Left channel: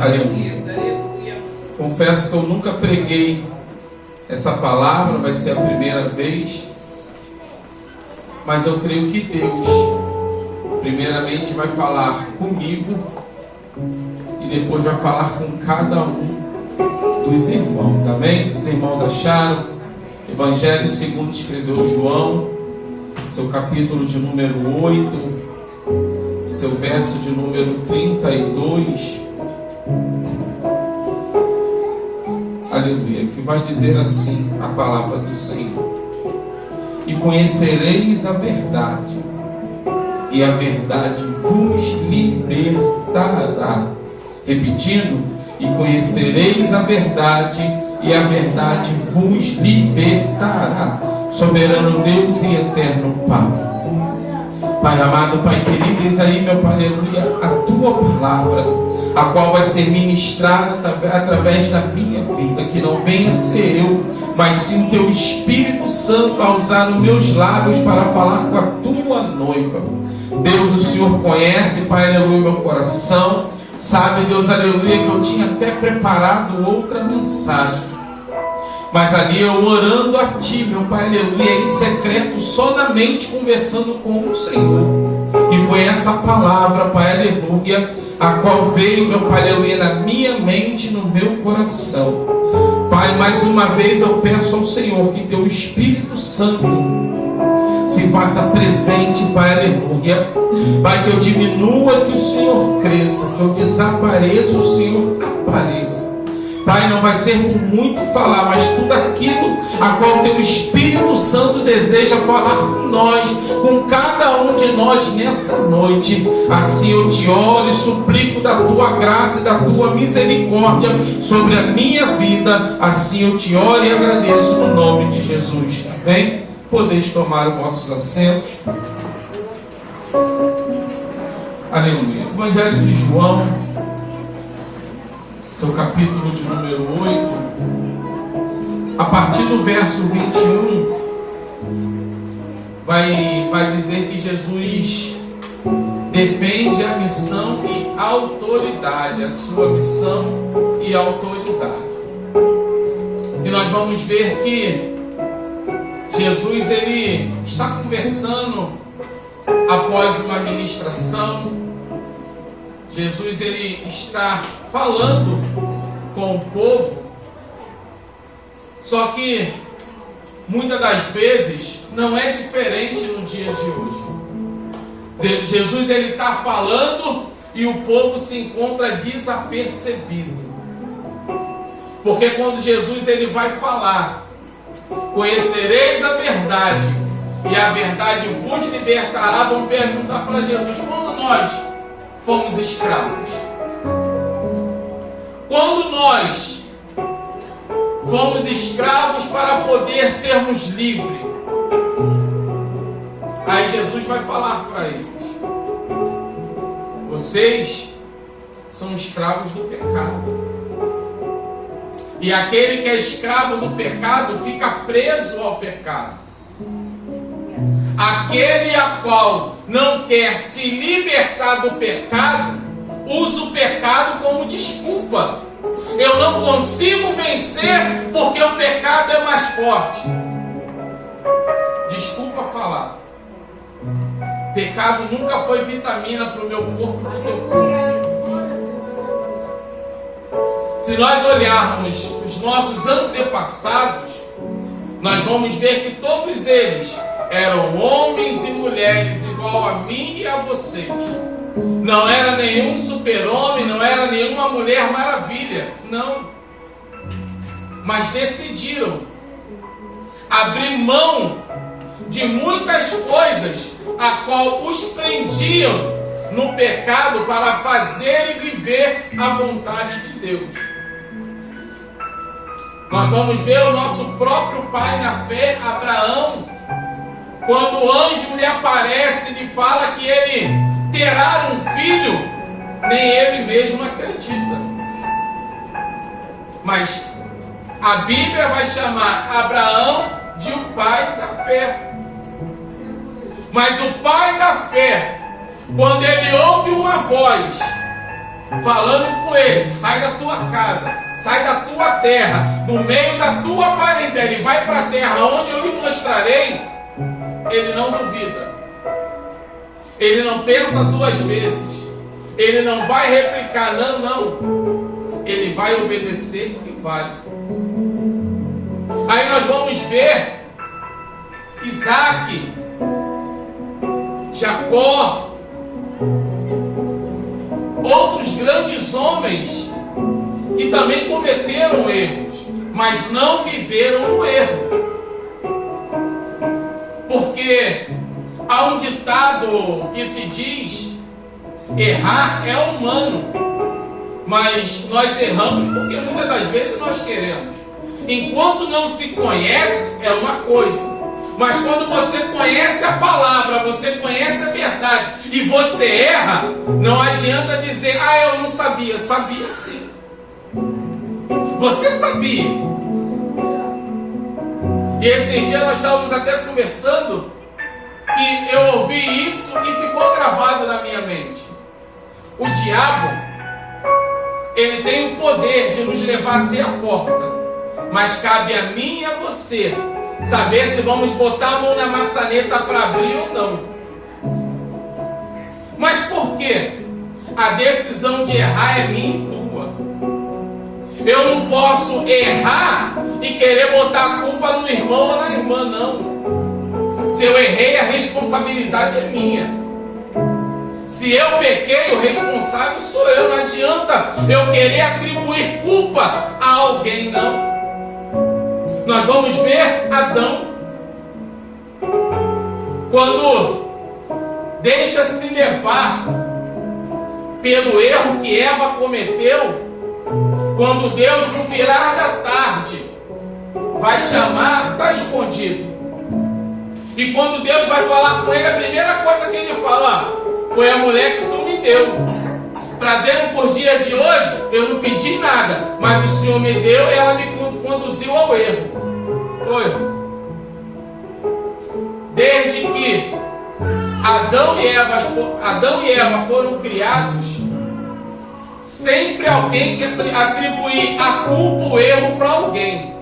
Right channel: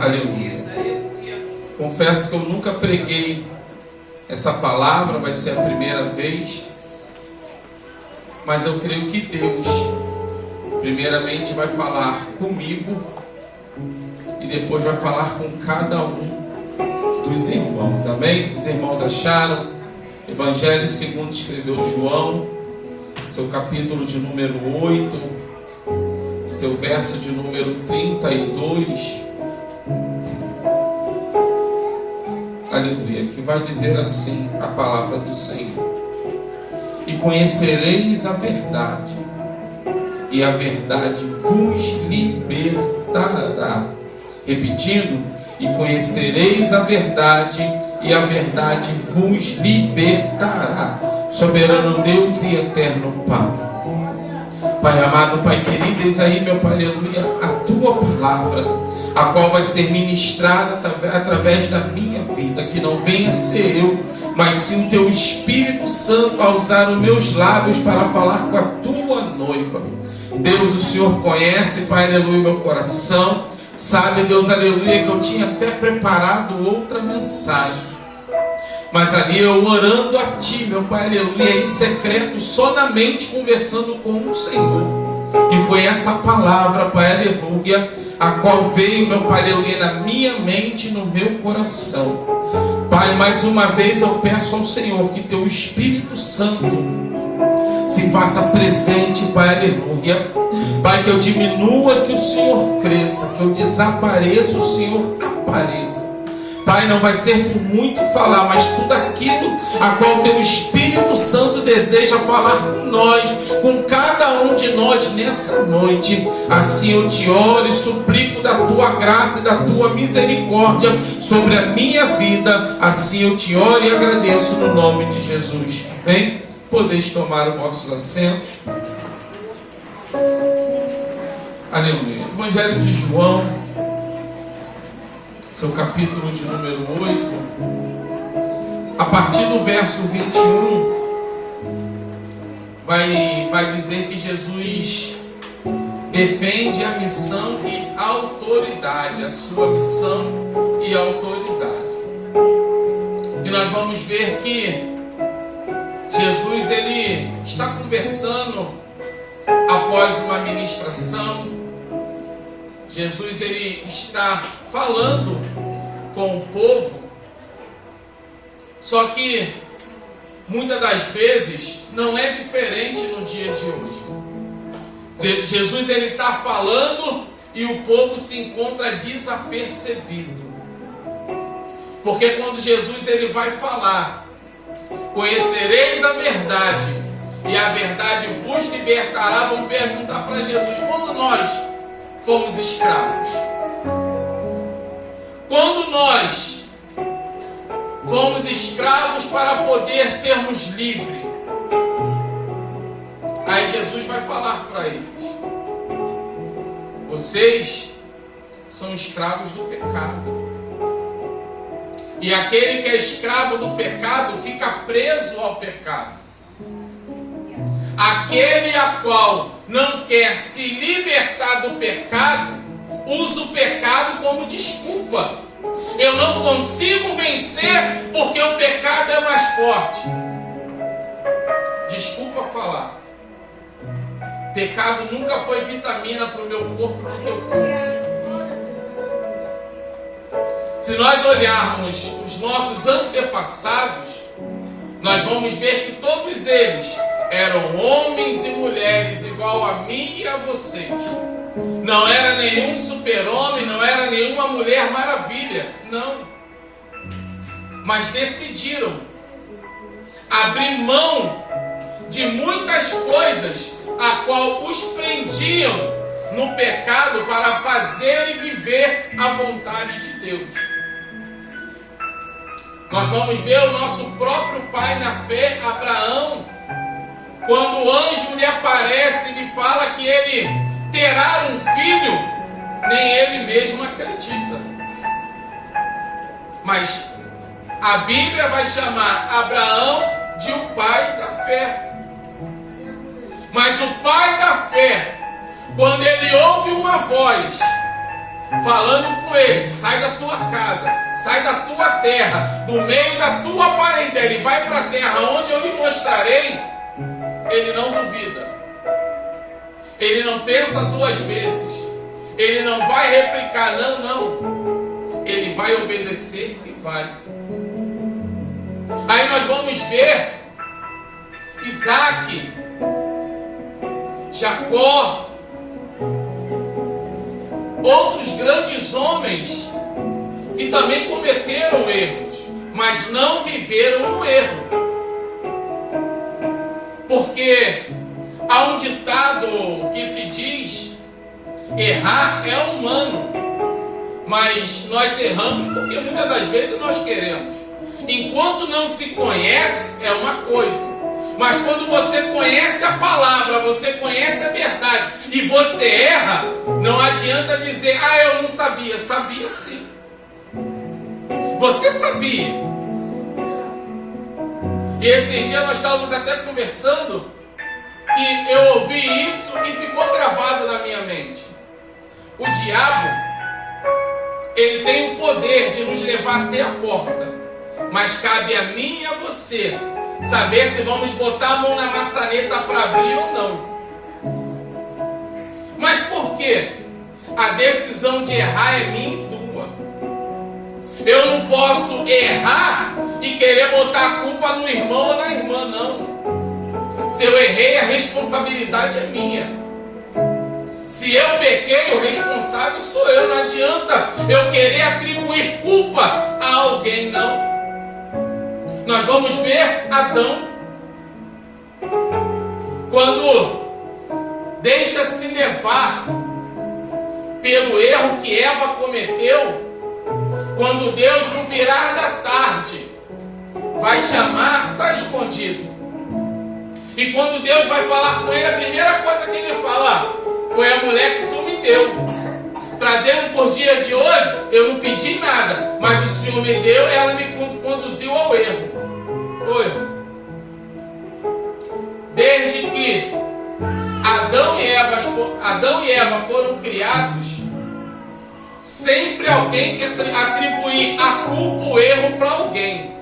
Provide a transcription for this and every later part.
Aleluia. Confesso que eu nunca preguei essa palavra, vai ser a primeira vez. Mas eu creio que Deus, primeiramente, vai falar comigo e depois vai falar com cada um dos irmãos. Amém? Os irmãos acharam? Evangelho segundo escreveu João, seu capítulo de número 8, seu verso de número 32. Aleluia, que vai dizer assim a palavra do Senhor: e conhecereis a verdade, e a verdade vos libertará. Repetindo: e conhecereis a verdade, e a verdade vos libertará. Soberano Deus e eterno Pai, Pai amado, Pai querido, eis aí, meu Pai, aleluia, a tua palavra, a qual vai ser ministrada através da minha vida. Que não venha ser eu, mas sim o teu Espírito Santo a usar os meus lábios para falar com a tua noiva. Deus, o Senhor conhece, Pai, aleluia, meu coração. Sabe, Deus, aleluia, que eu tinha até preparado outra mensagem, mas ali eu orando a Ti, meu Pai, aleluia, em secreto, sonamente conversando com o Senhor. E foi essa palavra, Pai, aleluia, a qual veio, meu Pai, aleluia, na minha mente e no meu coração. Pai, mais uma vez eu peço ao Senhor que Teu Espírito Santo se faça presente, Pai, aleluia. Pai, que eu diminua, que o Senhor cresça, que eu desapareça, o Senhor apareça. Pai, não vai ser por muito falar, mas tudo aquilo a qual Teu Espírito Santo deseja falar com nós, com cada um de nós nessa noite. Assim eu te oro e suplico da Tua graça e da Tua misericórdia sobre a minha vida. Assim eu te oro e agradeço no nome de Jesus. Amém? Podeis tomar os vossos assentos. Aleluia. Evangelho de João, seu capítulo de número 8, a partir do verso 21, vai dizer que Jesus defende a missão e a autoridade, a sua missão e autoridade. E nós vamos ver que Jesus, ele está conversando após uma ministração. Jesus, ele está falando com o povo. Só que muitas das vezes não é diferente no dia de hoje. Jesus, ele está falando e o povo se encontra desapercebido. Porque quando Jesus, ele vai falar: conhecereis a verdade, e a verdade vos libertará, vão perguntar para Jesus: quando nós fomos escravos? Quando nós fomos escravos para poder sermos livres? Aí Jesus vai falar para eles: vocês são escravos do pecado. E aquele que é escravo do pecado fica preso ao pecado. Aquele a qual não quer se libertar do pecado, usa o pecado como desculpa. Eu não consigo vencer porque o pecado é mais forte. Desculpa falar. Pecado nunca foi vitamina para o meu corpo e para o teu corpo. Se nós olharmos os nossos antepassados, nós vamos ver que todos eles eram homens e mulheres igual a mim e a vocês. Não era nenhum super-homem, não era nenhuma mulher maravilha, não. Mas decidiram abrir mão de muitas coisas a qual os prendiam no pecado para fazer e viver a vontade de Deus. Nós vamos ver o nosso próprio pai na fé, Abraão, quando o anjo lhe aparece e lhe fala que ele terá um filho, nem ele mesmo acredita. Mas a Bíblia vai chamar Abraão de o pai da fé. Mas o pai da fé, quando ele ouve uma voz falando com ele: sai da tua casa, sai da tua terra, do meio da tua parentela, e vai para a terra onde eu lhe mostrarei, ele não duvida, ele não pensa duas vezes, ele não vai replicar, não, ele vai obedecer e vai. Aí nós vamos ver Isaac, Jacó, outros grandes homens que também cometeram erros, mas não viveram no erro. Porque há um ditado que se diz: errar é humano, mas nós erramos porque muitas das vezes nós queremos. Enquanto não se conhece é uma coisa, mas quando você conhece a palavra, você conhece a verdade e você erra, não adianta dizer: ah, eu não sabia. Sabia sim. Você sabia. E esse dia nós estávamos até conversando e eu ouvi isso e ficou gravado na minha mente. O diabo, ele tem o poder de nos levar até a porta, mas cabe a mim e a você saber se vamos botar a mão na maçaneta para abrir ou não. Mas por quê? A decisão de errar é minha e tua. Eu não posso errar e querer botar a culpa no irmão ou na irmã, não. Se eu errei, a responsabilidade é minha. Se eu pequei, o responsável sou eu. Não adianta eu querer atribuir culpa a alguém, não. Nós vamos ver Adão, quando deixa-se levar pelo erro que Eva cometeu, quando Deus no virar da tarde vai chamar, está escondido. E quando Deus vai falar com ele, a primeira coisa que ele fala: foi a mulher que tu me deu. Trazendo por dia de hoje, eu não pedi nada, mas o Senhor me deu, ela me conduziu ao erro. Oi. Desde que Adão e Eva foram criados, sempre alguém quer atribuir a culpa, o erro para alguém.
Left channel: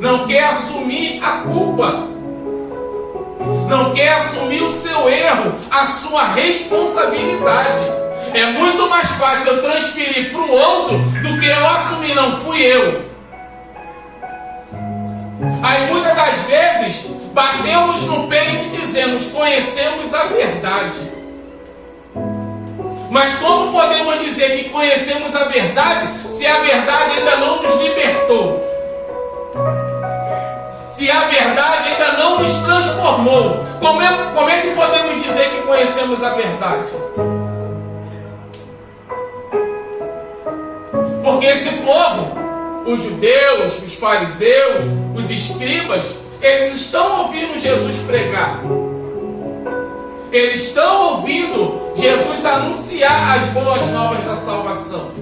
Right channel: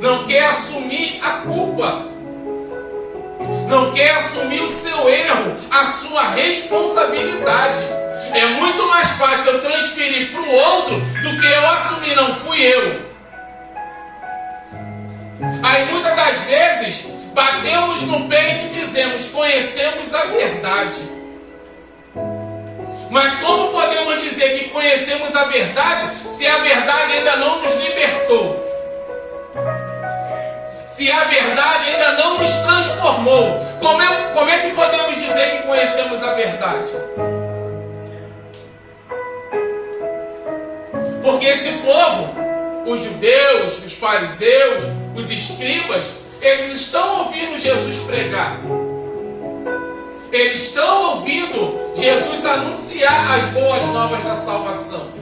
Não quer assumir a culpa. Não quer assumir o seu erro, a sua responsabilidade. É muito mais fácil eu transferir para o outro do que eu assumir: não fui eu. Aí muitas das vezes batemos no peito e dizemos: conhecemos a verdade. Mas como podemos dizer que conhecemos a verdade se a verdade ainda não nos libertou? Se a verdade ainda não nos transformou, como é que podemos dizer que conhecemos a verdade? Porque esse povo, os judeus, os fariseus, os escribas, eles estão ouvindo Jesus pregar. Eles estão ouvindo Jesus anunciar as boas novas da salvação.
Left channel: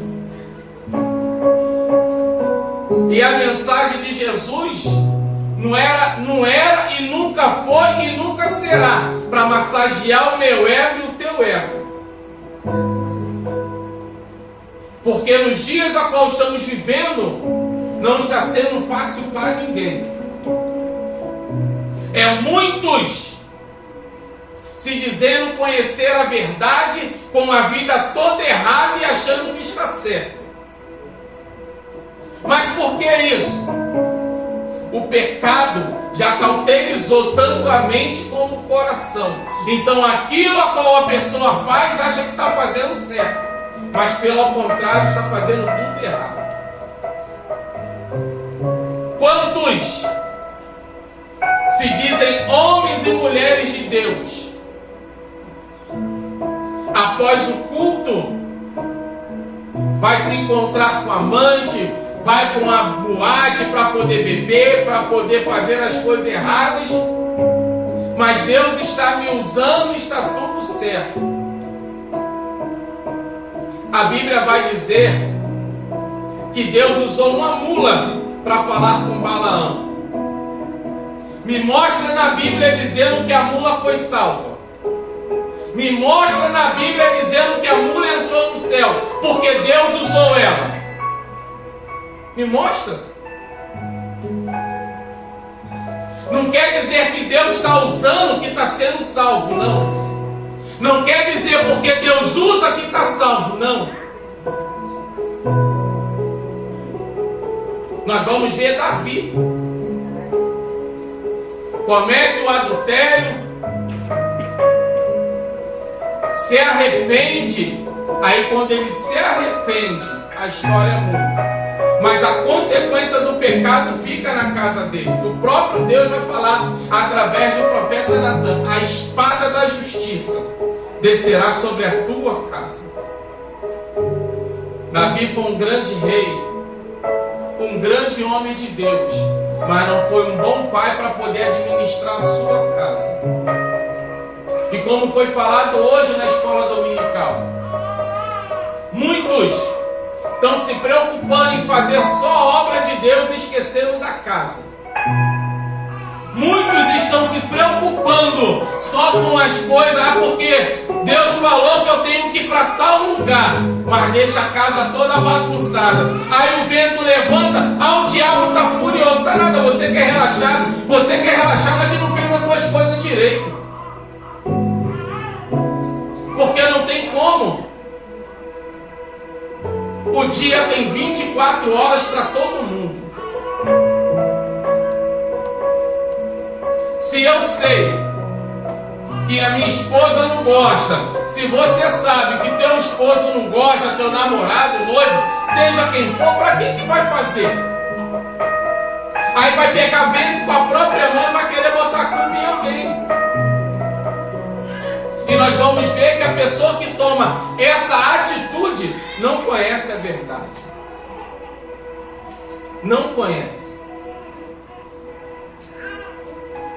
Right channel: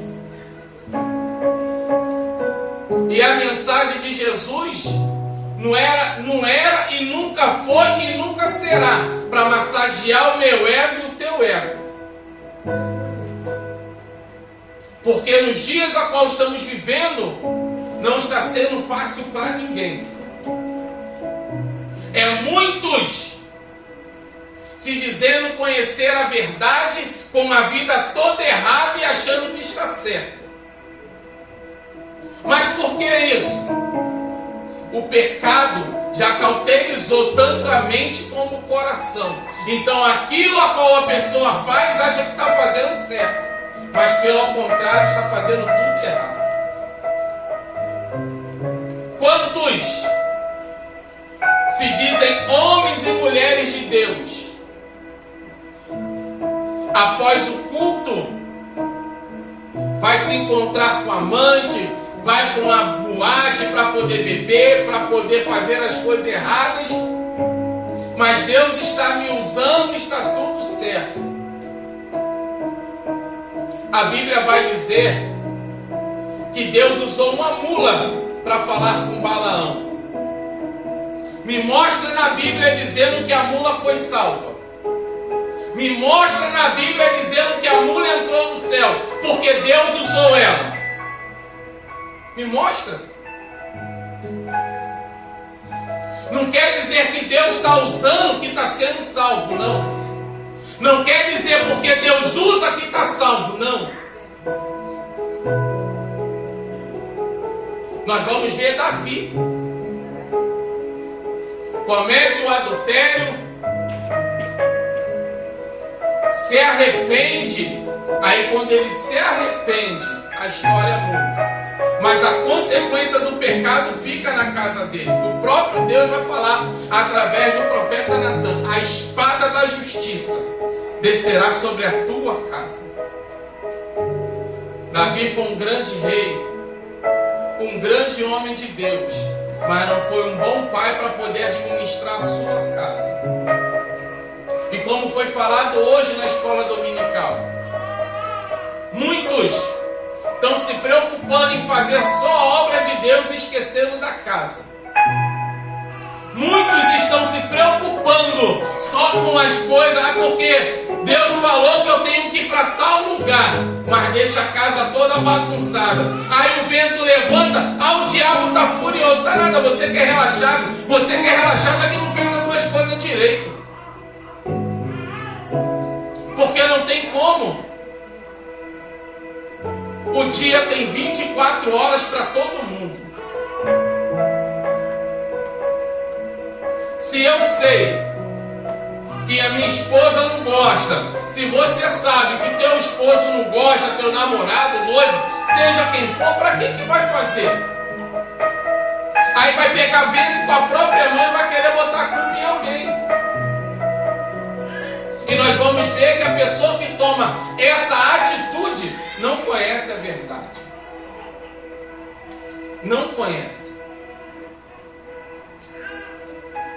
E a mensagem de Jesus não era e nunca foi e nunca será para massagear o meu ego e o teu ego. Porque nos dias a qual estamos vivendo, não está sendo fácil para ninguém. É muitos se dizendo conhecer a verdade, com a vida toda errada e achando que está certo. Mas por que isso? O pecado já cauterizou tanto a mente como o coração. Então aquilo a qual a pessoa faz, acha que está fazendo certo, mas pelo contrário está fazendo tudo errado. Quantos se dizem homens e mulheres de Deus, após o culto vai se encontrar com a amante, vai para uma boate para poder beber, para poder fazer as coisas erradas, mas Deus está me usando, está tudo certo. A Bíblia vai dizer que Deus usou uma mula para falar com Balaão. Me mostra na Bíblia dizendo que a mula foi salva. Me mostra na Bíblia dizendo que a mula entrou no céu, porque Deus usou ela. Me mostra. Não quer dizer que Deus está usando que está sendo salvo, não. Não quer dizer porque Deus usa que está salvo, não. Nós vamos ver Davi. Comete o adultério, se arrepende. Aí quando ele se arrepende, a história muda. Mas a consequência do pecado fica na casa dele. O próprio Deus vai falar através do profeta Natan: a espada da justiça descerá sobre a tua casa. Davi foi um grande rei, um grande homem de Deus, mas não foi um bom pai para poder administrar a sua casa. E como foi falado hoje na escola dominical, muitos estão se preocupando em fazer só a obra de Deus e esquecendo da casa. Muitos estão se preocupando só com as coisas, porque Deus falou que eu tenho que ir para tal lugar, mas deixa a casa toda bagunçada. Aí o vento levanta, o diabo está furioso. Está nada, você que é relaxado que não fez as duas coisas direito. Porque não tem como. O dia tem 24 horas para todo mundo. Se eu sei que a minha esposa não gosta, se você sabe que teu esposo não gosta, teu namorado, noivo, seja quem for, para que vai fazer? Aí vai pegar vento com a própria mão e vai querer botar a culpa em alguém. E nós vamos ver que a pessoa que toma essa atitude não conhece a verdade. Não conhece.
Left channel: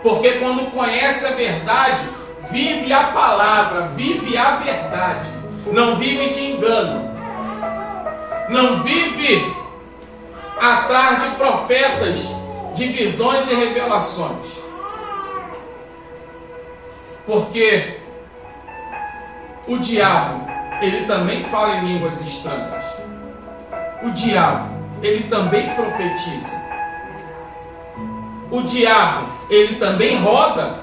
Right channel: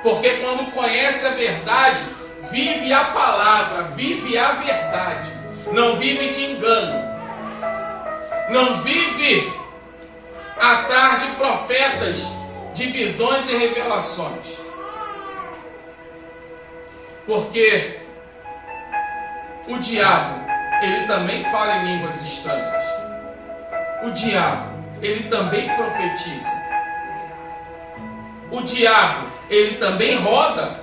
Porque quando conhece a verdade, vive a palavra, vive a verdade. Não vive de engano. Não vive atrás de profetas, de visões e revelações. Porque o diabo, ele também fala em línguas estranhas. O diabo, ele também profetiza. O diabo, ele também roda,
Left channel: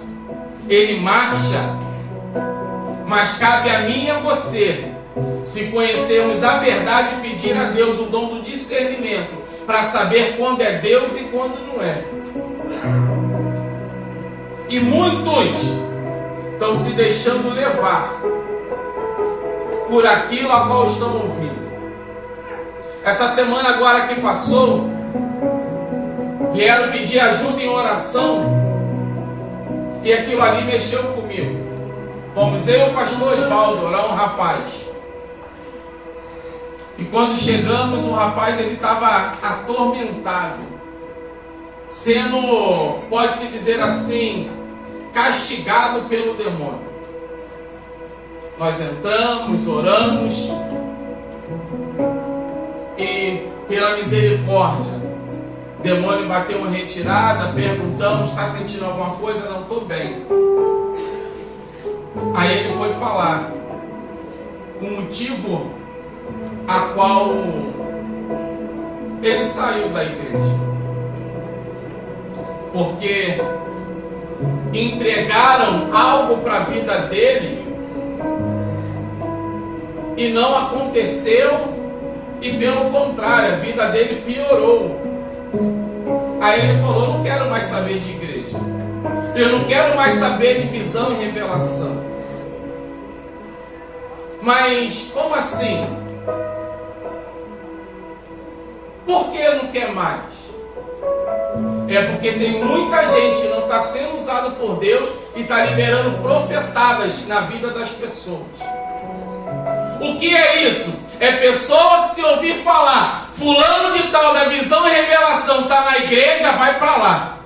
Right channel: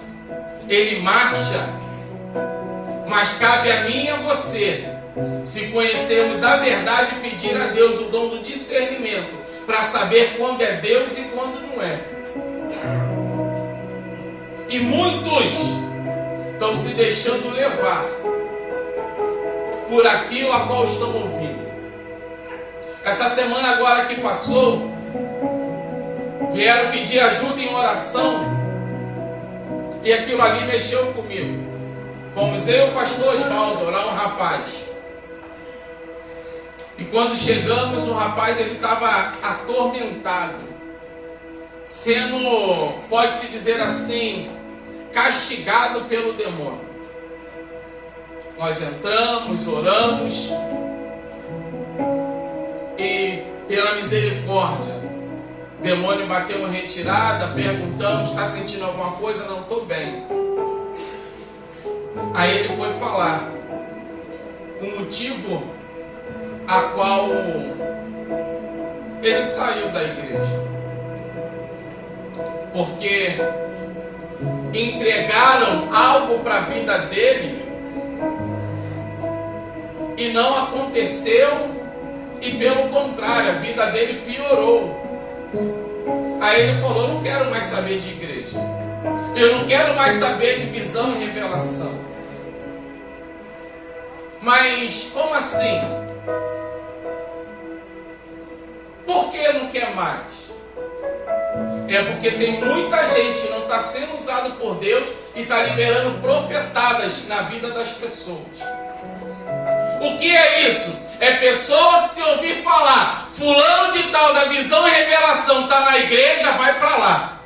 ele marcha. Mas cabe a mim e a você, se conhecermos a verdade, pedir a Deus o dom do discernimento, para saber quando é Deus e quando não é. E muitos estão se deixando levar por aquilo a qual estão ouvindo. Essa semana agora que passou, vieram pedir ajuda em oração, e aquilo ali mexeu comigo. Fomos eu e o pastor Osvaldo orar um rapaz. E quando chegamos, o rapaz ele estava atormentado, sendo, pode-se dizer assim, castigado pelo demônio. Nós entramos, oramos, e pela misericórdia, o demônio bateu uma retirada, perguntamos, está sentindo alguma coisa? Não, estou bem. Aí ele foi falar o motivo a qual ele saiu da igreja. Porque entregaram algo para a vida dele e não aconteceu, e pelo contrário, a vida dele piorou. Aí ele falou: não quero mais saber de igreja, eu não quero mais saber de visão e revelação. Mas como assim? Por que não quer mais? É porque tem muita gente que não está sendo usado por Deus e está liberando profetadas na vida das pessoas. O que é isso? É pessoa que, se ouvir falar fulano de tal da visão e revelação está na igreja, vai para lá.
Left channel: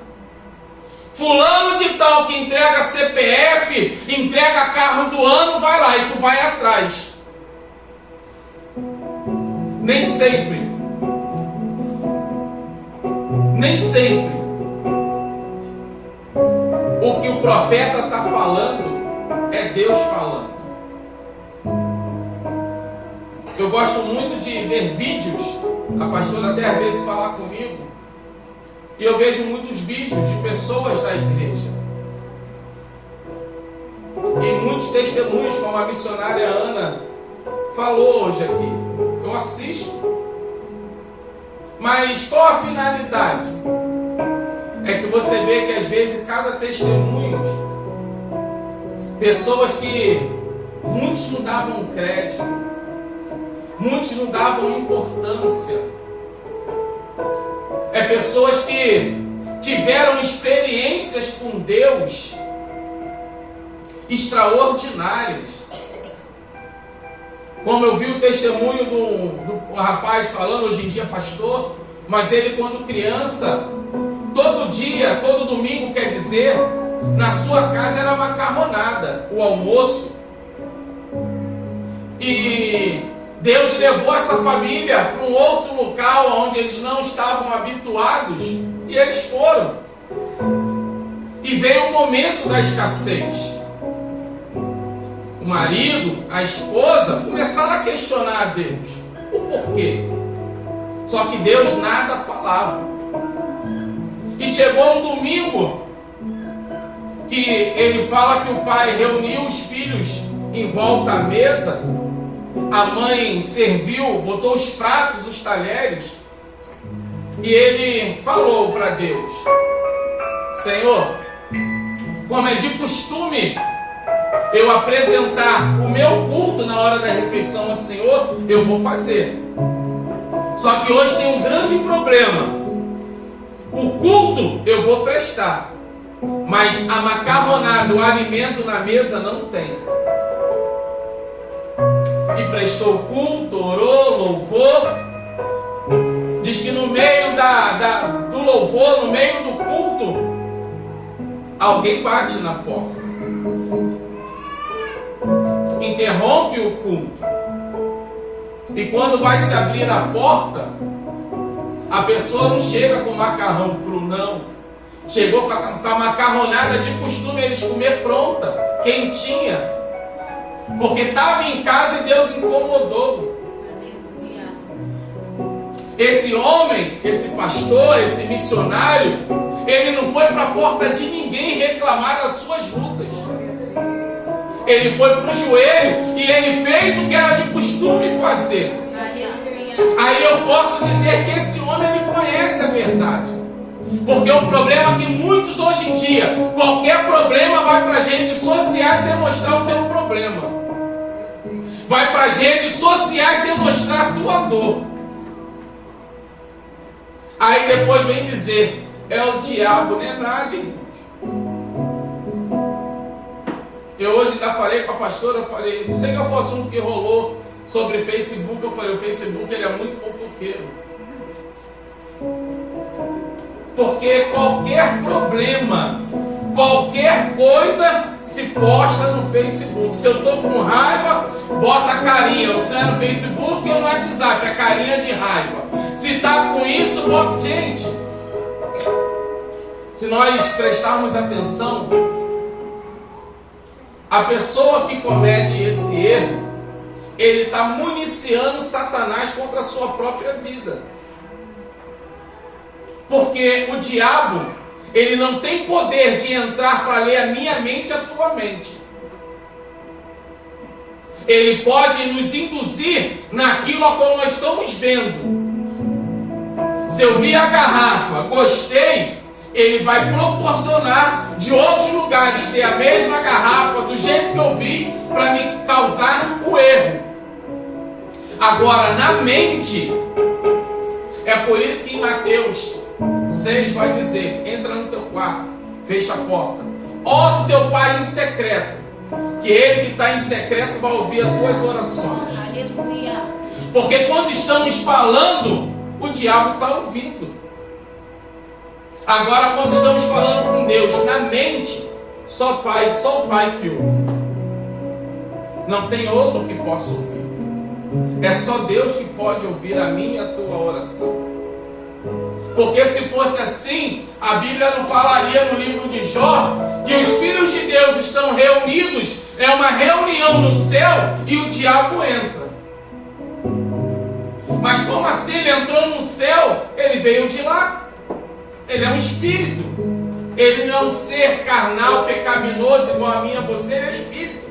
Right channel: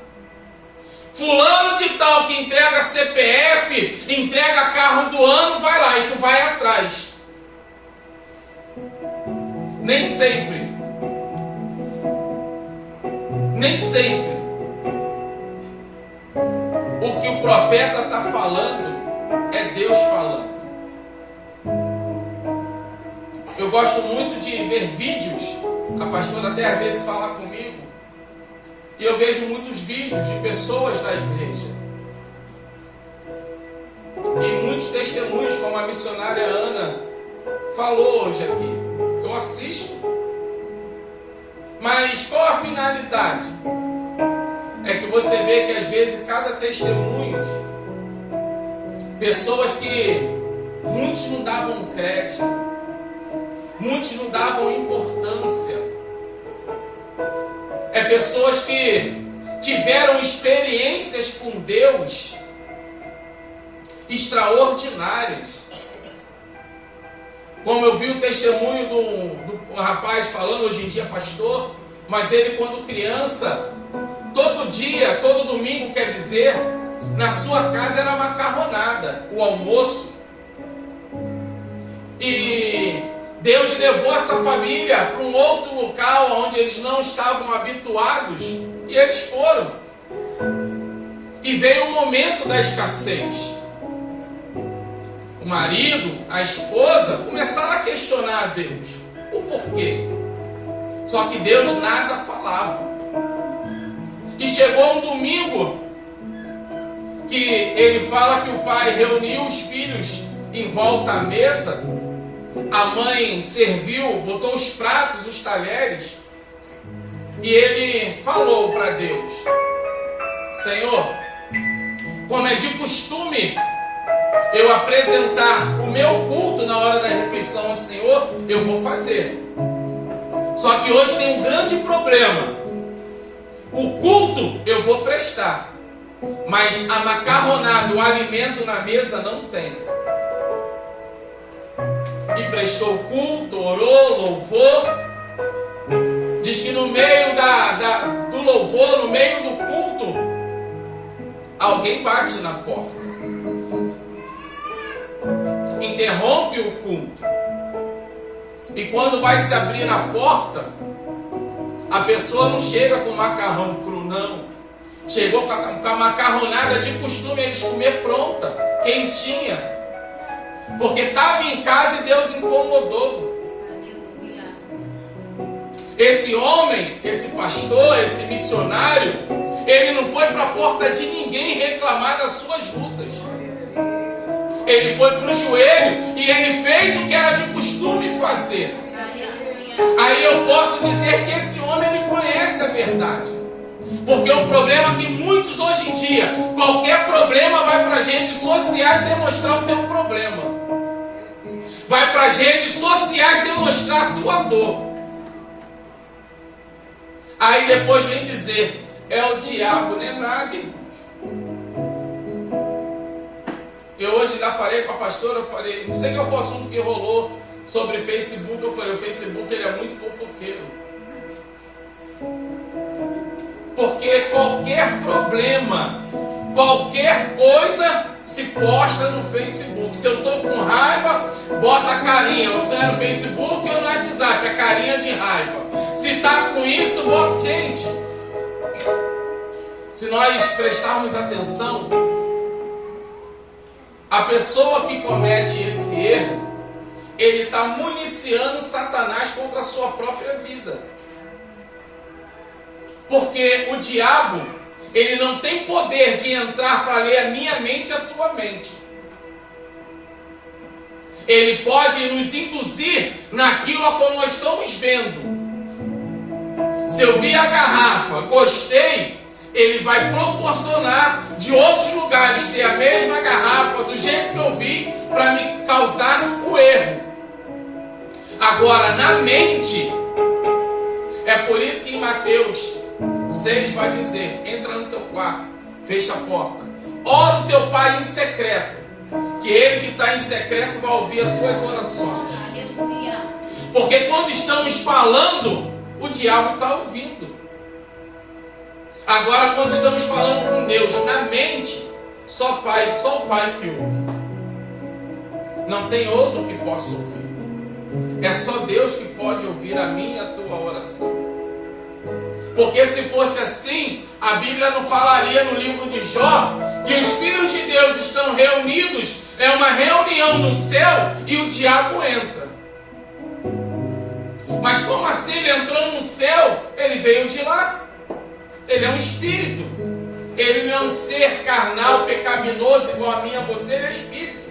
Fulano de tal que entrega CPF, entrega carro do ano, vai lá, e tu vai atrás. Nem sempre. Nem sempre o que o profeta está falando é Deus falando. Eu gosto muito de ver vídeos. A pastora até às vezes fala comigo. E eu vejo muitos vídeos de pessoas da igreja. E muitos testemunhos, como a missionária Ana falou hoje aqui. Eu assisto. Mas qual a finalidade? É que você vê que às vezes cada testemunho, pessoas que muitos não davam crédito, muitos não davam importância. É pessoas que tiveram experiências com Deus extraordinárias. Como eu vi o testemunho do rapaz falando, hoje em dia pastor, mas ele quando criança, todo dia, todo domingo, quer dizer, na sua casa era macarronada, o almoço. E Deus levou essa família para um outro local onde eles não estavam habituados, e eles foram. E veio o momento da escassez. O marido, a esposa, começaram a questionar a Deus. O porquê? Só que Deus nada falava. E chegou um domingo que ele fala que o pai reuniu os filhos em volta à mesa. A mãe serviu, botou os pratos, os talheres. E ele falou para Deus: Senhor, como é de costume eu apresentar o meu culto na hora da refeição ao Senhor, eu vou fazer. Só que hoje tem um grande problema. O culto eu vou prestar, mas a macarronada, o alimento na mesa não tem. E prestou culto, orou, louvor. Diz que no meio do louvor, no meio do culto, alguém bate na porta. Interrompe o culto. E quando vai se abrir a porta, a pessoa não chega com macarrão cru, não. Chegou com a macarronada de costume eles comer pronta, quentinha. Porque estava em casa e Deus incomodou. Esse homem, esse pastor, esse missionário, ele não foi para a porta de ninguém reclamar das suas lutas. Ele foi para o joelho e ele fez o que era de costume fazer. Aí eu posso dizer que esse homem ele conhece a verdade. Porque o problema é que muitos hoje em dia, qualquer problema vai para as redes sociais demonstrar o teu problema. Vai para as redes sociais demonstrar a tua dor. Aí depois vem dizer, é o diabo, não é nada, irmão. Eu hoje ainda falei com a pastora, eu falei, não sei qual foi o assunto que rolou sobre Facebook, eu falei, o Facebook ele é muito fofoqueiro. Porque qualquer problema, qualquer coisa se posta no Facebook. Se eu estou com raiva, bota a carinha. Se é no Facebook ou no WhatsApp, a carinha de raiva. Se está com isso, bota. Gente, se nós prestarmos atenção, a pessoa que comete esse erro, ele está municiando Satanás contra a sua própria vida. Porque o diabo, ele não tem poder de entrar para ler a minha mente e a tua mente. Ele pode nos induzir naquilo a qual nós estamos vendo. Se eu vi a garrafa, gostei, ele vai proporcionar de outros lugares ter a mesma garrafa do jeito que eu vi para me causar o erro. Agora, na mente, é por isso que em Mateus 6 vai dizer, entra no teu quarto, fecha a porta, ora o teu pai em secreto, que ele que está em secreto vai ouvir as tuas orações. Aleluia. Porque quando estamos falando, o diabo está ouvindo. Agora quando estamos falando com Deus na mente, só o pai que ouve. Não tem outro que possa ouvir. É só Deus que pode ouvir a minha e a tua oração. Porque se fosse assim, a Bíblia não falaria no livro de Jó que os filhos de Deus estão reunidos, é uma reunião no céu e o diabo entra. Mas como assim ele entrou no céu? Ele veio de lá. Ele é um espírito. Ele não é um ser carnal, pecaminoso igual a mim e a você, ele é espírito.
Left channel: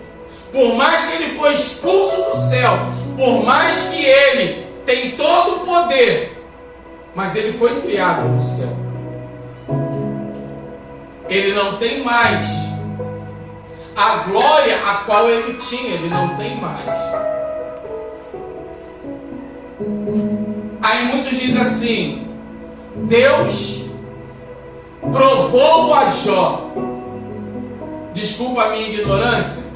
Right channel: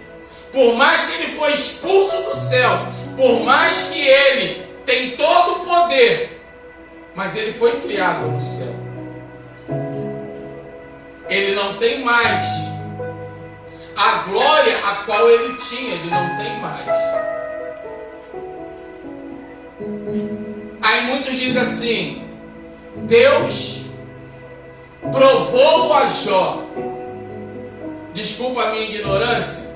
Por mais que ele foi expulso do céu, por mais que ele tem todo o poder, mas ele foi criado no céu. Ele não tem mais a glória a qual ele tinha, ele não tem mais. Aí muitos dizem assim: Deus provou a Jó. Desculpa a minha ignorância,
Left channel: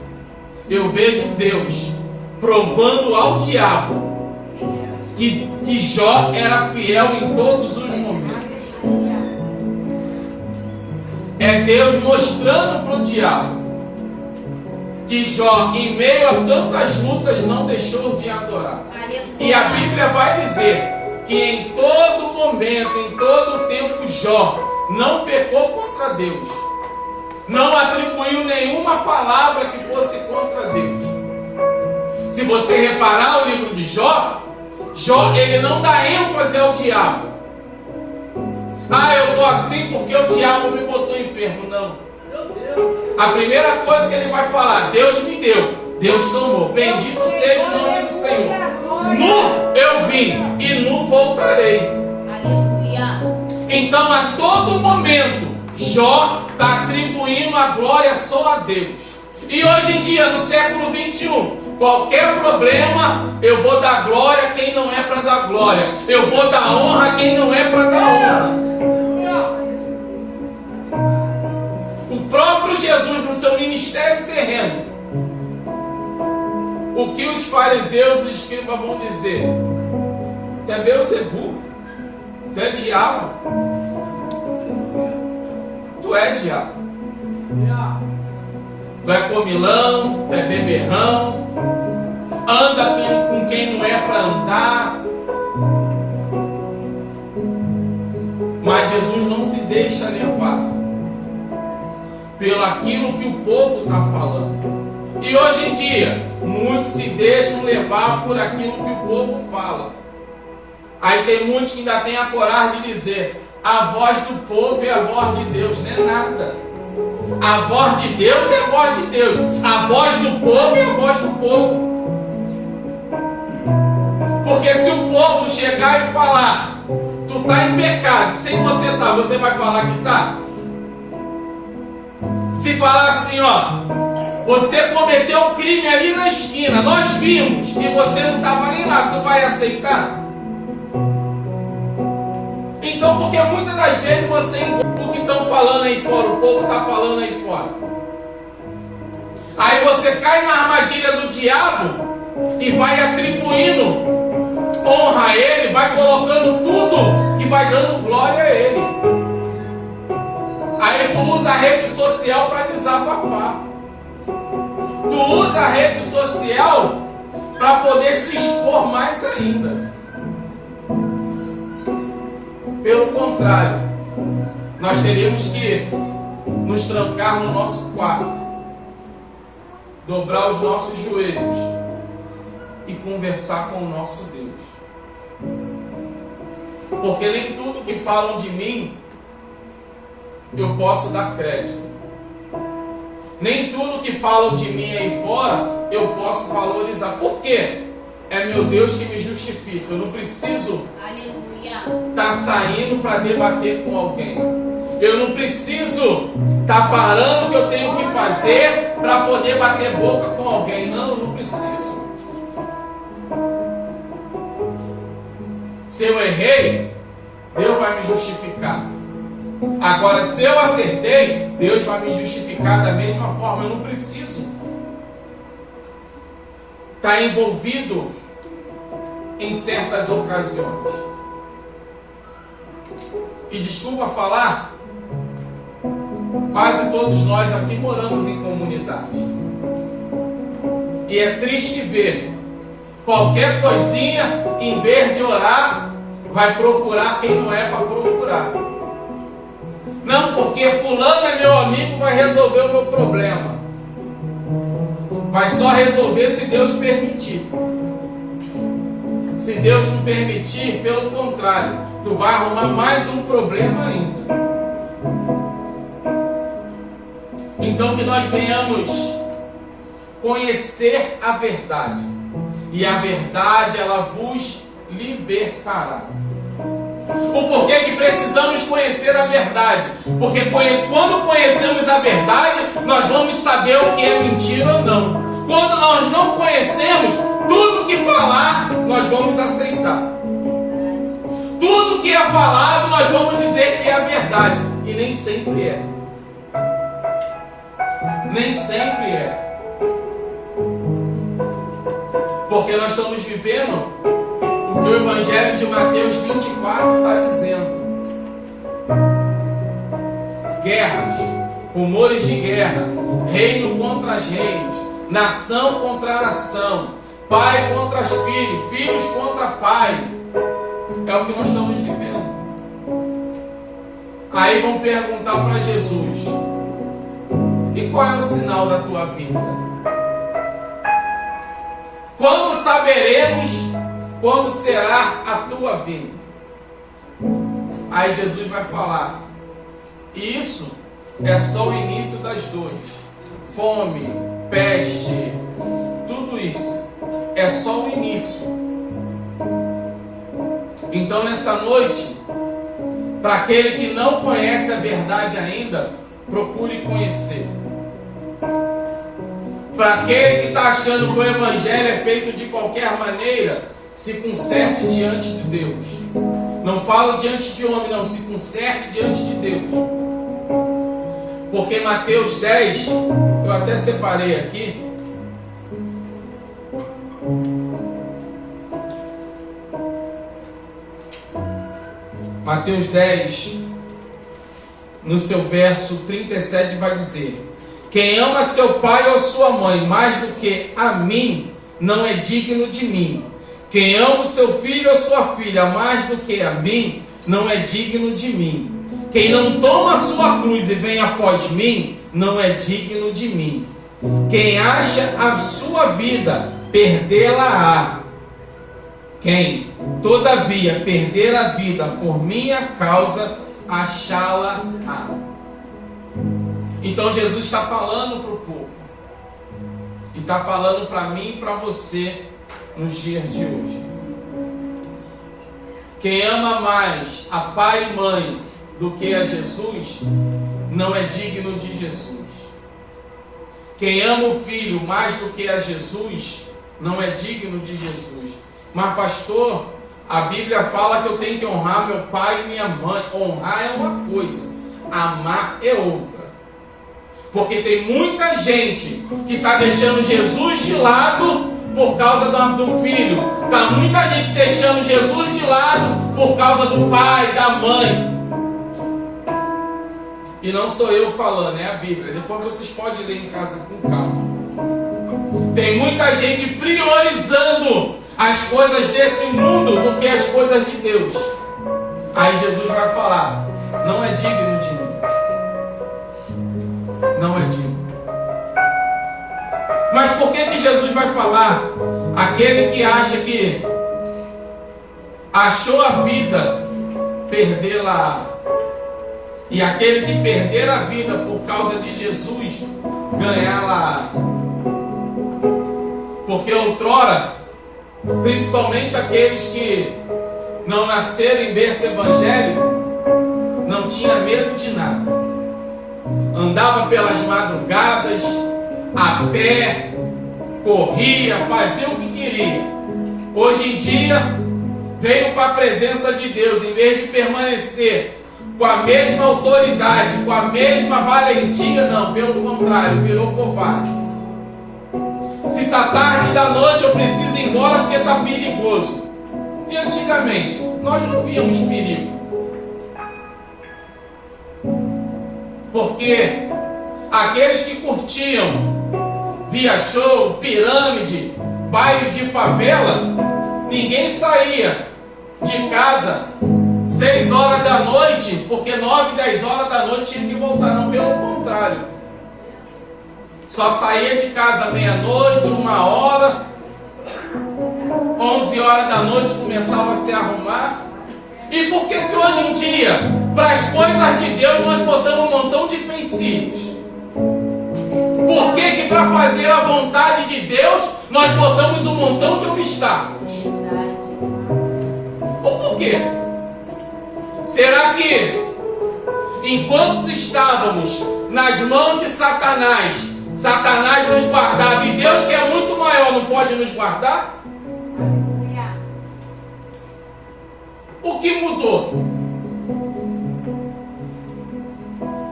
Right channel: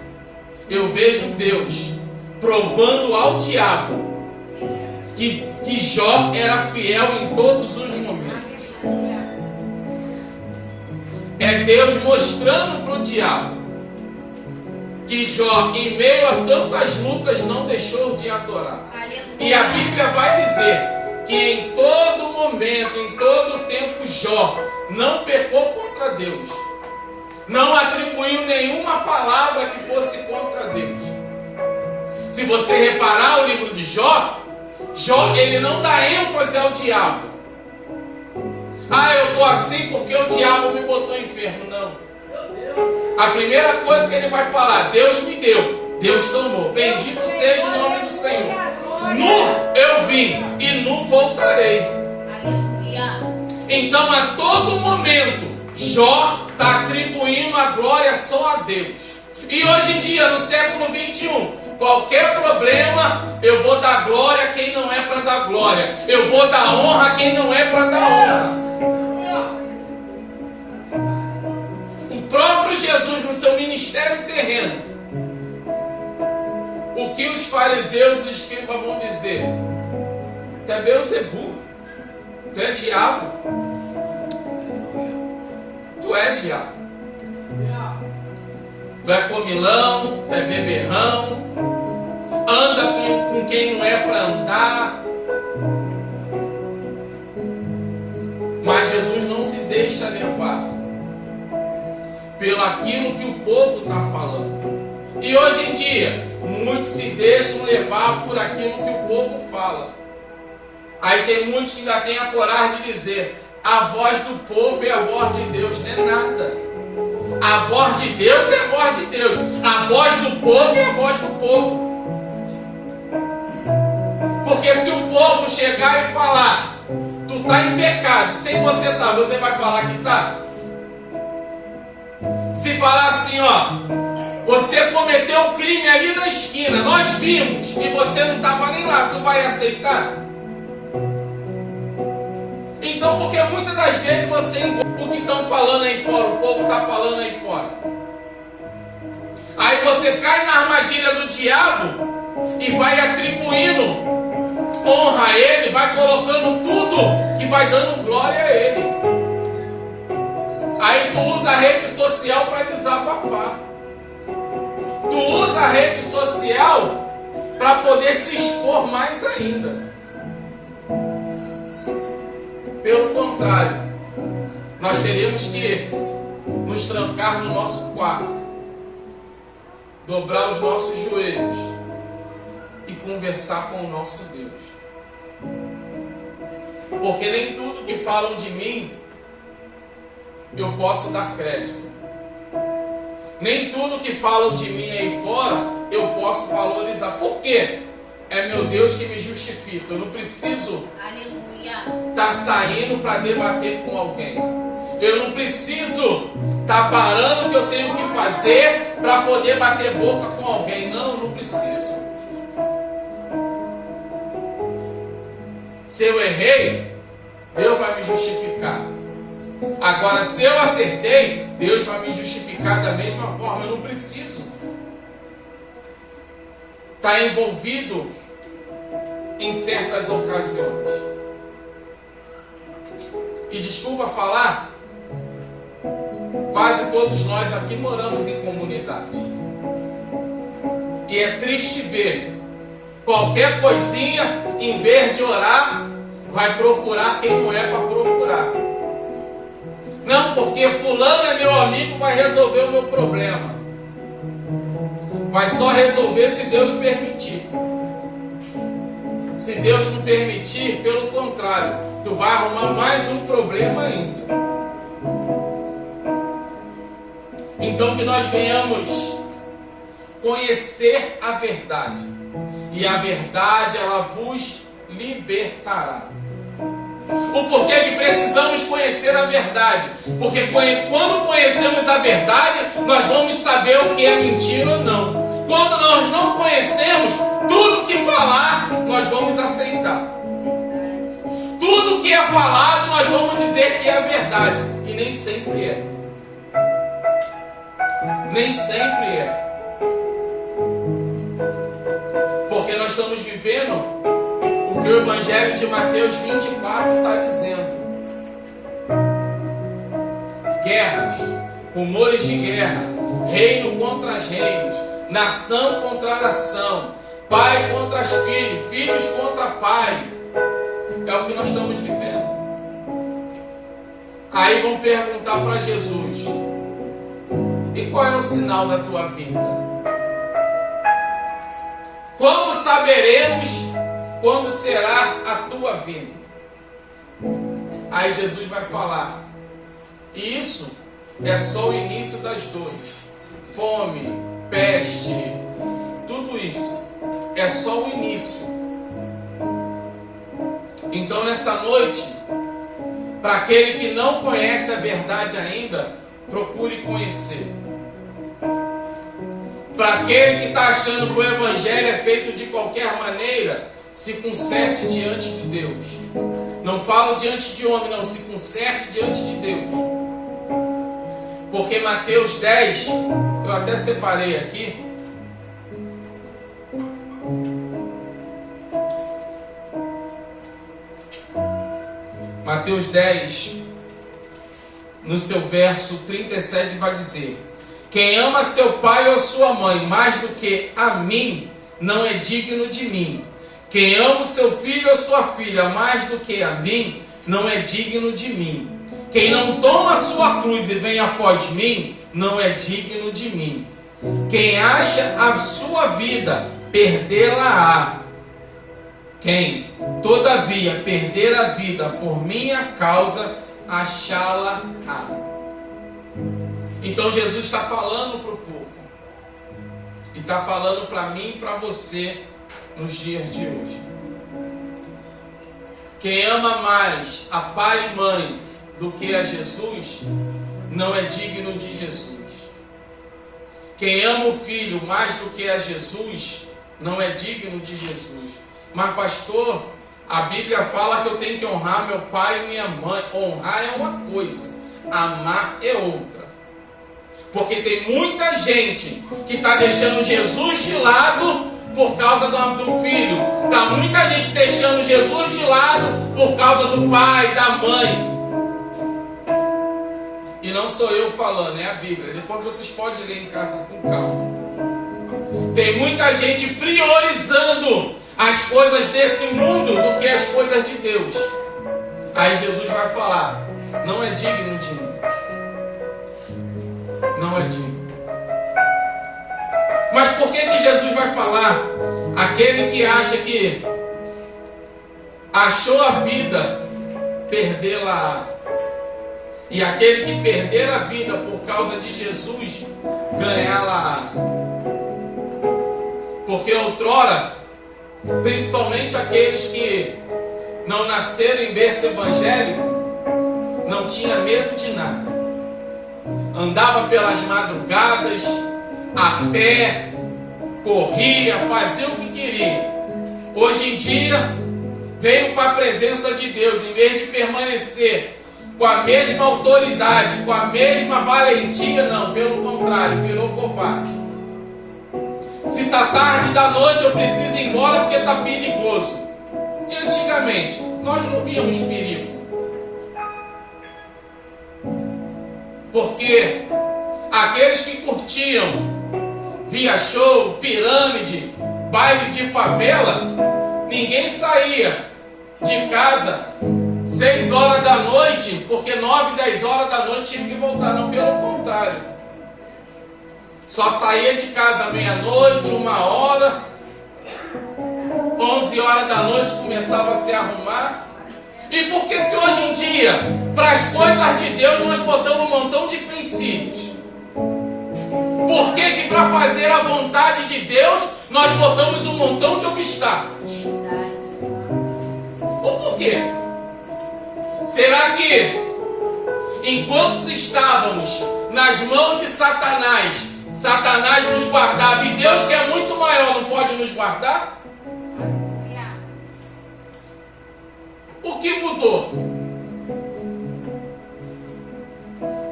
eu vejo Deus provando ao diabo que Jó era fiel em todos os momentos. É Deus mostrando para o diabo que Jó, em meio a tantas lutas, não deixou de adorar. E a Bíblia vai dizer que em todo momento, em todo tempo, Jó não pecou contra Deus. Não atribuiu nenhuma palavra que fosse contra Deus. Se você reparar o livro de Jó, ele não dá ênfase ao diabo. Ah, eu estou assim porque o diabo me botou enfermo. Não. A primeira coisa que ele vai falar: Deus me deu, Deus tomou. Bendito seja o nome do Senhor. Nu eu vim e nu voltarei. Então, a todo momento, Jó está atribuindo a glória só a Deus. E hoje em dia, no século 21, qualquer problema, eu vou dar glória a quem não é para dar glória. Eu vou dar honra a quem não é para dar honra. O próprio Jesus, no seu ministério terreno, o que os fariseus e os escribas vão dizer? Tu é Beelzebu, tu é diabo. Tu é diabo. Tu é comilão, tu é beberrão, anda com quem não é para andar. Mas Jesus não se deixa levar pelo aquilo que o povo está falando. E hoje em dia, muitos se deixam levar por aquilo que o povo fala. Aí tem muitos que ainda têm a coragem de dizer: a voz do povo é a voz de Deus. Não é nada. A voz de Deus é a voz de Deus. A voz do povo é a voz do povo. Porque se o povo chegar e falar: tu está em pecado, sem você estar, você vai falar que está? Se falar assim, ó, você cometeu um crime ali na esquina, nós vimos, e você não estava nem lá, tu vai aceitar? Então, porque muitas das vezes você engole o que estão falando aí fora, o povo está falando aí fora. Aí você cai na armadilha do diabo e vai atribuindo honra a ele, vai colocando tudo que vai dando glória a ele. Aí tu usa a rede social para desabafar. Tu usa a rede social para poder se expor mais ainda. Pelo contrário, nós teríamos que nos trancar no nosso quarto, dobrar os nossos joelhos e conversar com o nosso Deus. Porque nem tudo que falam de mim eu posso dar crédito. Nem tudo que falam de mim aí fora eu posso valorizar. Por quê? É meu Deus que me justifica. Eu não preciso estar saindo para debater com alguém. Eu não preciso estar parando o que eu tenho que fazer para poder bater boca com alguém. Não, eu não preciso. Se eu errei, Deus vai me justificar. Agora, se eu acertei, Deus vai me justificar da mesma forma. Eu não preciso estar envolvido em certas ocasiões. E desculpa falar, quase todos nós aqui moramos em comunidade. E é triste ver qualquer coisinha, em vez de orar, vai procurar quem não é para procurar. Não, porque fulano é meu amigo, vai resolver o meu problema. Vai só resolver se Deus permitir. Se Deus não permitir, pelo contrário, tu vai arrumar mais um problema ainda. Então que nós venhamos conhecer a verdade, e a verdade ela vos libertará. O porquê que precisamos conhecer a verdade? Porque quando conhecemos a verdade, nós vamos saber o que é mentira ou não. Quando nós não conhecemos, tudo que falar, nós vamos aceitar. Tudo que é falado, nós vamos dizer que é a verdade. E nem sempre é. Nem sempre é. Porque nós estamos vivendo o que o Evangelho de Mateus 24 está dizendo. Guerras, rumores de guerra, reino contra reinos, nação contra nação, pai contra filhos, filhos contra pai. É o que nós estamos vivendo. Aí vão perguntar para Jesus: e qual é o sinal da tua vinda? Quando saberemos quando será a tua vinda? Aí Jesus vai falar: e isso é só o início das dores. Fome, peste, tudo isso é só o início. Então nessa noite, para aquele que não conhece a verdade ainda, procure conhecer. Para aquele que está achando que o Evangelho é feito de qualquer maneira, se conserte diante de Deus. Não falo diante de homem, não. Se conserte diante de Deus. Porque Mateus 10, eu até separei aqui. Mateus 10, no seu verso 37, vai dizer: quem ama seu pai ou sua mãe mais do que a mim, não é digno de mim. Quem ama o seu filho ou sua filha mais do que a mim, não é digno de mim. Quem não toma a sua cruz e vem após mim, não é digno de mim. Quem acha a sua vida, perdê-la-á. Quem, todavia, perder a vida por minha causa, achá-la-á. Então Jesus está falando para o povo, e está falando para mim e para você nos dias de hoje. Quem ama mais a pai e mãe do que a Jesus, não é digno de Jesus. Quem ama o filho mais do que a Jesus, não é digno de Jesus. Mas pastor, a Bíblia fala que eu tenho que honrar meu pai e minha mãe. Honrar é uma coisa, amar é outra. Porque tem muita gente que está deixando Jesus de lado por causa do filho. Está muita gente deixando Jesus de lado por causa do pai, da mãe. E não sou eu falando, é a Bíblia. Depois vocês podem ler em casa com calma. Tem muita gente priorizando as coisas desse mundo do que as coisas de Deus. Aí Jesus vai falar: não é digno de mim. Não é digno. Mas por que Jesus vai falar? Aquele que acha que achou a vida, perdê-la. E aquele que perder a vida por causa de Jesus, ganhá-la. Porque outrora, principalmente aqueles que não nasceram em berço evangélico, não tinha medo de nada. Andava pelas madrugadas, a pé, corria, fazia o que queria. Hoje em dia, veio para a presença de Deus, em vez de permanecer com a mesma autoridade, com a mesma valentia, não, pelo contrário, virou covarde. Se está tarde da noite, eu preciso ir embora porque está perigoso. E antigamente, nós não víamos perigo. Porque aqueles que curtiam via show, pirâmide, baile de favela, ninguém saía de casa 6 horas da noite, porque 9, 10 horas da noite tinha que voltar. Não, pelo contrário. Só saía de casa meia-noite, 1 hora, 11 11 horas da noite começava a se arrumar. E por que que hoje em dia, para as coisas de Deus, nós botamos um montão de princípios? Por que que para fazer a vontade de Deus, nós botamos um montão de obstáculos? Ou por quê? Será que, enquanto estávamos nas mãos de Satanás, Satanás nos guardava e Deus, que é muito maior, não pode nos guardar? O que mudou?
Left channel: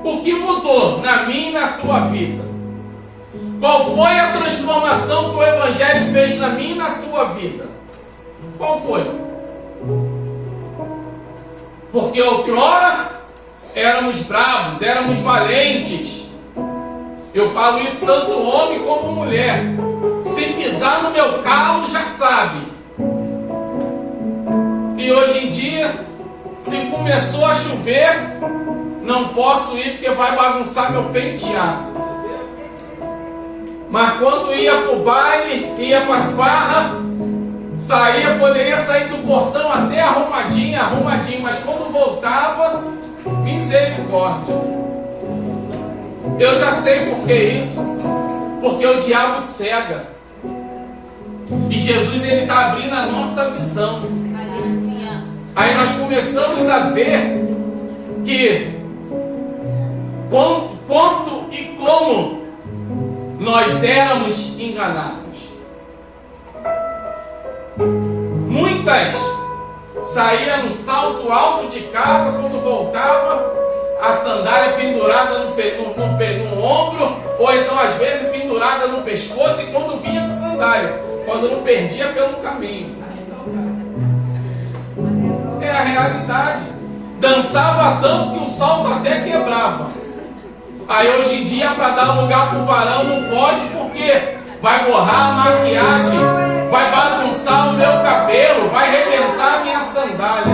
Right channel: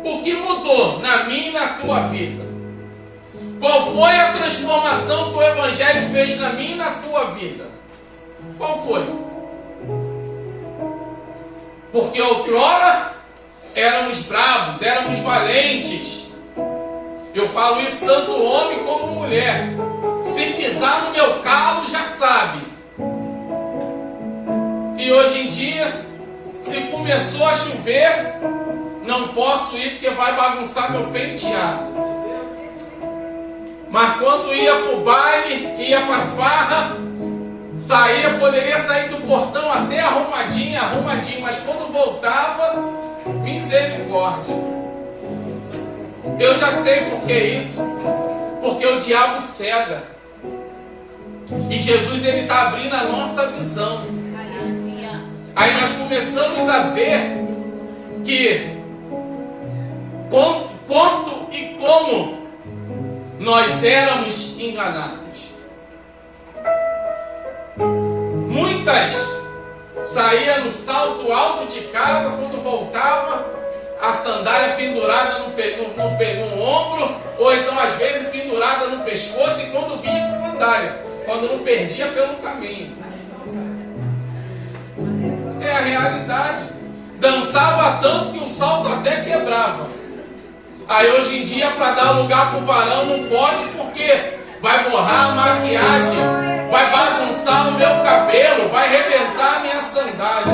O que mudou na minha e na tua vida? Qual foi a transformação que o Evangelho fez na minha e na tua vida? Qual foi? Porque outrora éramos bravos, éramos valentes. Eu falo isso tanto homem como mulher. Se pisar no meu calo, já sabe. E hoje em dia, se começou a chover, não posso ir porque vai bagunçar meu penteado. Mas quando ia para o baile, ia para a farra, saía, poderia sair do portão até arrumadinho, mas quando voltava, misericórdia. Eu já sei por que isso. Porque o diabo cega. E Jesus, ele está abrindo a nossa visão. Aí nós começamos a ver que quanto e como nós éramos enganados. Muitas saíam no salto alto de casa, quando voltava, a sandália pendurada no ombro, ou então às vezes pendurada no pescoço, e quando vinha com sandália, quando não perdia pelo caminho. É a realidade. Dançava tanto que o salto até quebrava. Aí hoje em dia, para dar lugar para o varão, não pode, porque vai borrar a maquiagem, vai bagunçar o meu cabelo, vai arrebentar a minha sandália.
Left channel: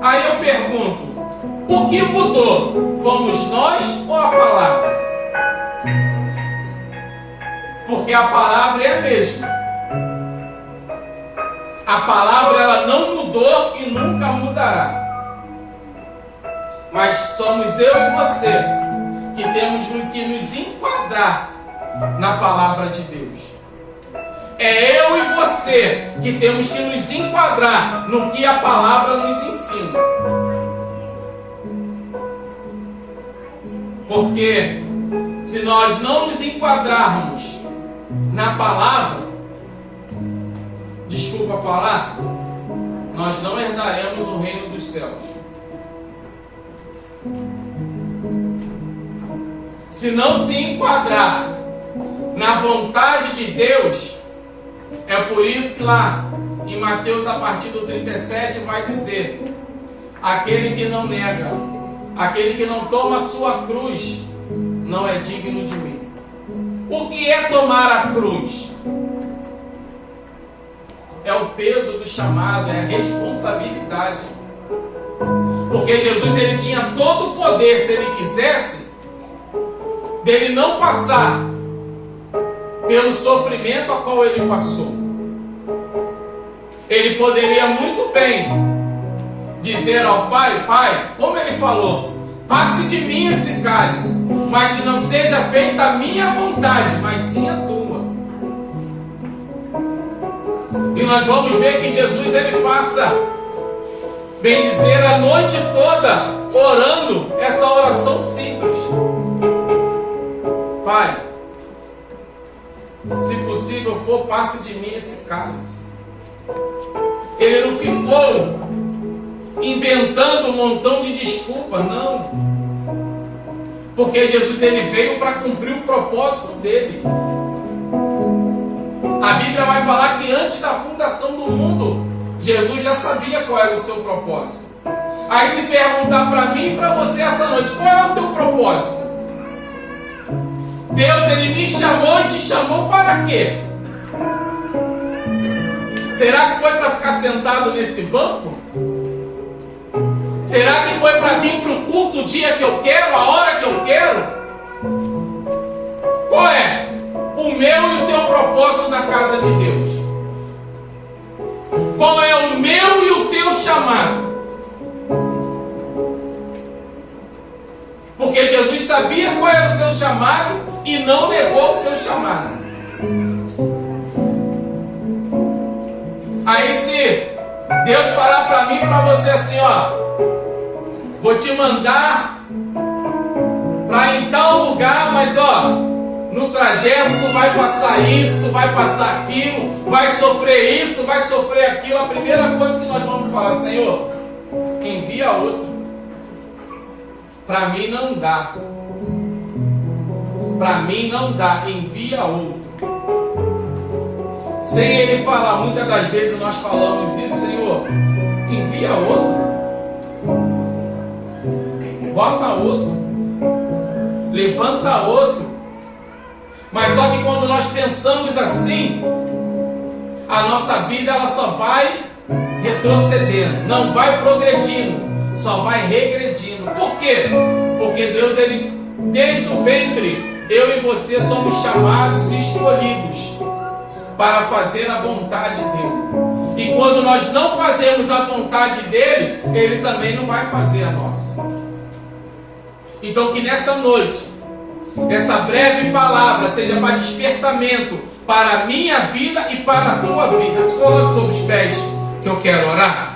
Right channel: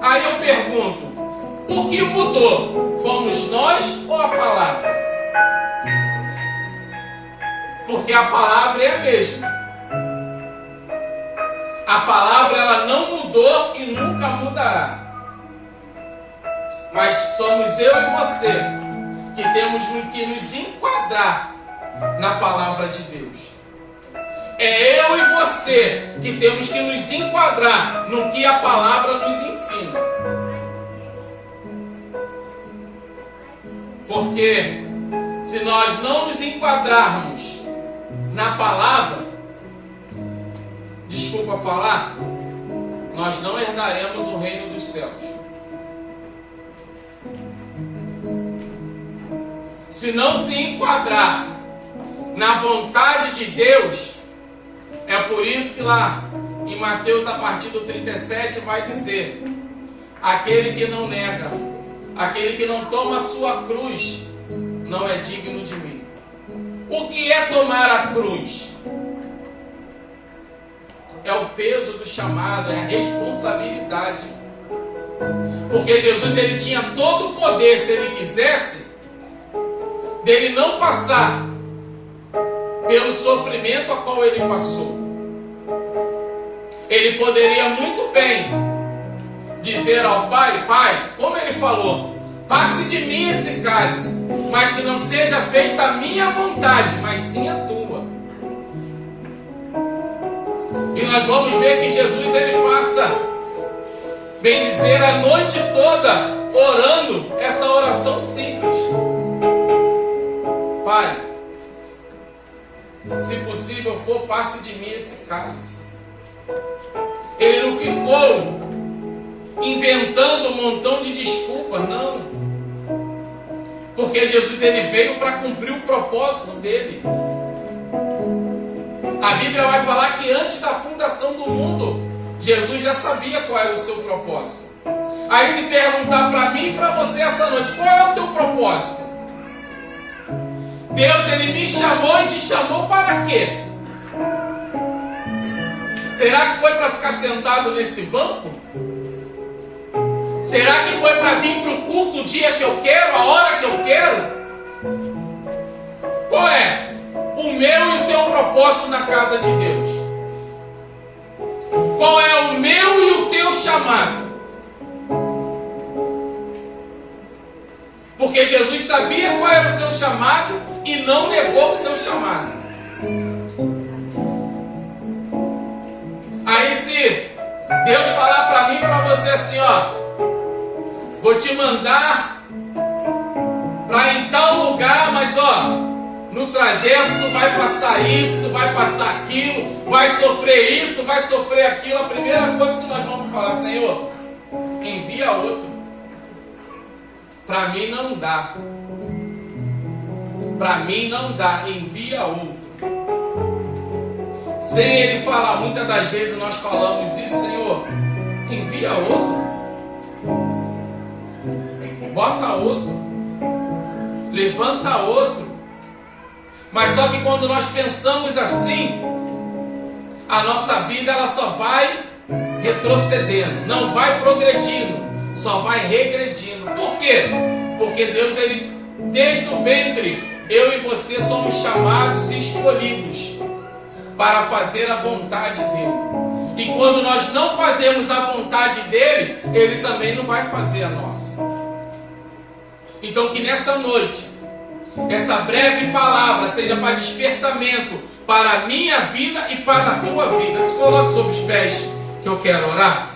Aí eu pergunto, o que mudou? Fomos nós ou a palavra? Porque a palavra é a mesma. A palavra, ela não mudou e nunca mudará. Mas somos eu e você que temos que nos enquadrar na palavra de Deus. É eu e você que temos que nos enquadrar no que a palavra nos ensina. Porque se nós não nos enquadrarmos na palavra, desculpa falar, nós não herdaremos o reino dos céus. Se não se enquadrar na vontade de Deus, é por isso que lá em Mateus, a partir do 37, vai dizer: aquele que não nega, aquele que não toma a sua cruz, não é digno de mim. O que é tomar a cruz? É o peso do chamado, é a responsabilidade. Porque Jesus, ele tinha todo o poder, se ele quisesse, dele não passar pelo sofrimento a qual ele passou. Ele poderia muito bem dizer ao Pai: Pai, como ele falou, passe de mim esse cálice, mas que não seja feita a minha vontade, mas sim a tua. E nós vamos ver que Jesus, ele passa, bem dizer, a noite toda orando essa oração simples: Pai, se possível for, passe de mim esse cálice. Ele não ficou inventando um montão de desculpas, não. Porque Jesus, ele veio para cumprir o propósito dele. A Bíblia vai falar que antes da fundação do mundo, Jesus já sabia qual era o seu propósito. Aí se perguntar para mim e para você essa noite, qual é o teu propósito? Deus, ele me chamou e te chamou para quê? Será que foi para ficar sentado nesse banco? Será que foi para vir para o culto o dia que eu quero, a hora que eu quero? Qual é o meu e o teu propósito na casa de Deus? sabia qual era o seu chamado e não negou o seu chamado. Aí se Deus falar para mim e para você assim, ó, vou te mandar para em tal lugar, mas ó, no trajeto tu vai passar isso, tu vai passar aquilo, vai sofrer isso, vai sofrer aquilo. A primeira coisa que nós vamos falar, Senhor, envia outro. Para mim não dá. Para mim não dá, envia outro. Sem Ele falar, muitas das vezes nós falamos isso, Senhor, envia outro. Bota outro. Levanta outro. Mas só que quando nós pensamos assim, a nossa vida ela só vai retrocedendo, não vai progredindo, só vai regredindo. Por quê? Porque Deus, Ele, desde o ventre, eu e você somos chamados e escolhidos para fazer a vontade dEle. E quando nós não fazemos a vontade dEle, Ele também não vai fazer a nossa. Então que nessa noite, essa breve palavra seja para despertamento para a minha vida e para a tua vida. Se coloque sobre os pés que eu quero orar.